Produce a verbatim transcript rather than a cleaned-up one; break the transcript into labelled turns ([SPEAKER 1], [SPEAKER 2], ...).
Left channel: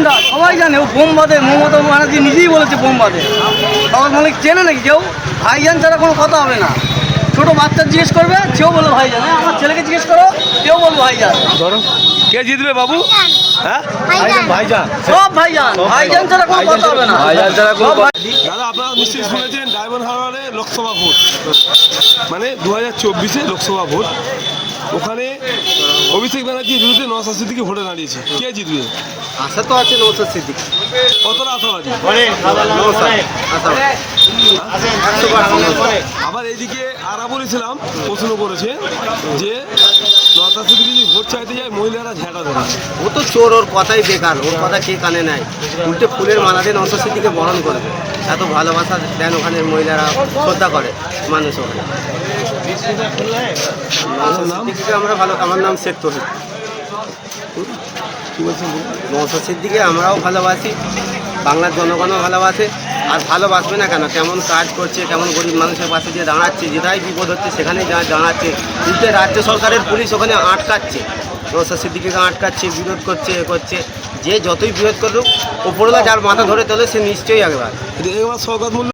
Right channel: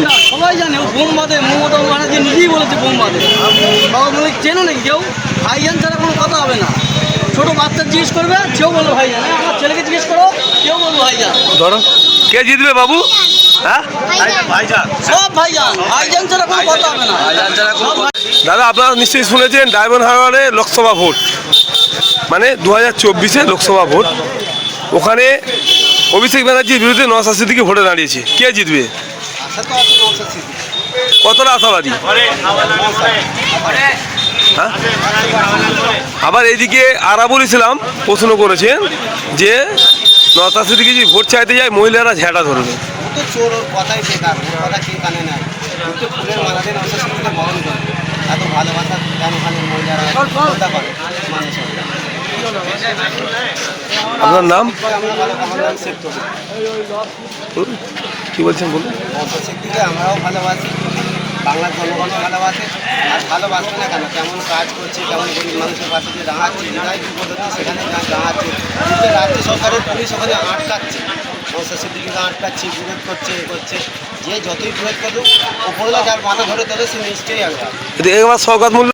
[SPEAKER 1] না সবাই জানে ও বোম বাঁধে, মমতা ব্যানার্জি নিজেই বলেছে বোম বাঁধে। সবাই বলে চেনে নাকি কেউ? ভাইজান ছাড়া কোনো কথা হবে না। ছোটো বাচ্চা জিজ্ঞেস করবে, কেউ বলবে ভাইজান। হ্যাঁ, আমার ছেলেকে জিজ্ঞেস করো, কেউ বলবো ভাইজান।
[SPEAKER 2] ধরো কে জিতবে বাবু? হ্যাঁ
[SPEAKER 1] সব ভাইজান, ভাইজান ছাড়া কোনো কথা হবে না। সব ভাই-
[SPEAKER 2] দাদা, আপনারা নিশ্চয়ই শুনেছেন ডায়মন্ড হারবারে লোকসভা ভোট, মানে দু হাজার চব্বিশে লোকসভা ভোট। ওখানে অভিষেক ব্যানার্জির বিরুদ্ধে নওশাদ সিদ্দিকী ভোটে দাঁড়িয়েছে। কে জিতবে?
[SPEAKER 1] আশা তো আছে নওশাদ সিদ্দিকী।
[SPEAKER 2] কতটা আশাবাদী? হ্যাঁ? আবার এইদিকে আরাবুল ইসলাম প্রশ্ন করেছেন যে নওশাদ সিদ্দিকী যদি ভোট চাইতে যায় মহিলারা ঝেঁটা ধরবে।
[SPEAKER 1] ও তো চোর, ওর কথাই বেকার, ওর কথা কে কানে নেয়? উল্টে ফুলের মালা দিয়ে নওশাদ সিদ্দিকীকে বরণ করে, এত ভালোবাসা দেন ওখানে মহিলারা, শ্রদ্ধা করে মানুষ ওখানে।
[SPEAKER 2] আপনার নাম?
[SPEAKER 1] আমরা ভালো, আমার নাম শেখ তহিদ।
[SPEAKER 2] কি বলছেন বলুন।
[SPEAKER 1] নওশাদ সিদ্দিকীকে আমরাও ভালোবাসি, বাংলার জনগণও ভালোবাসে। আর ভালোবাসবে না কেন? কেমন কাজ করছে, কেমন গরিব মানুষের পাশে যে দাঁড়াচ্ছে, যেটাই বিপদ হচ্ছে সেখানে যা দাঁড়াচ্ছে। কিন্তু রাজ্য সরকারের পুলিশ ওখানে আটকাচ্ছে, নওশাদ সিদ্দিকীকে আটকাচ্ছে, বিরোধ করছে, এ করছে। যে যতই বিরোধ করুক, ওপরওয়ালা যার মাথা ধরে তোলে সে নিশ্চয়ই একবার
[SPEAKER 2] এবার সওগাত মূল্য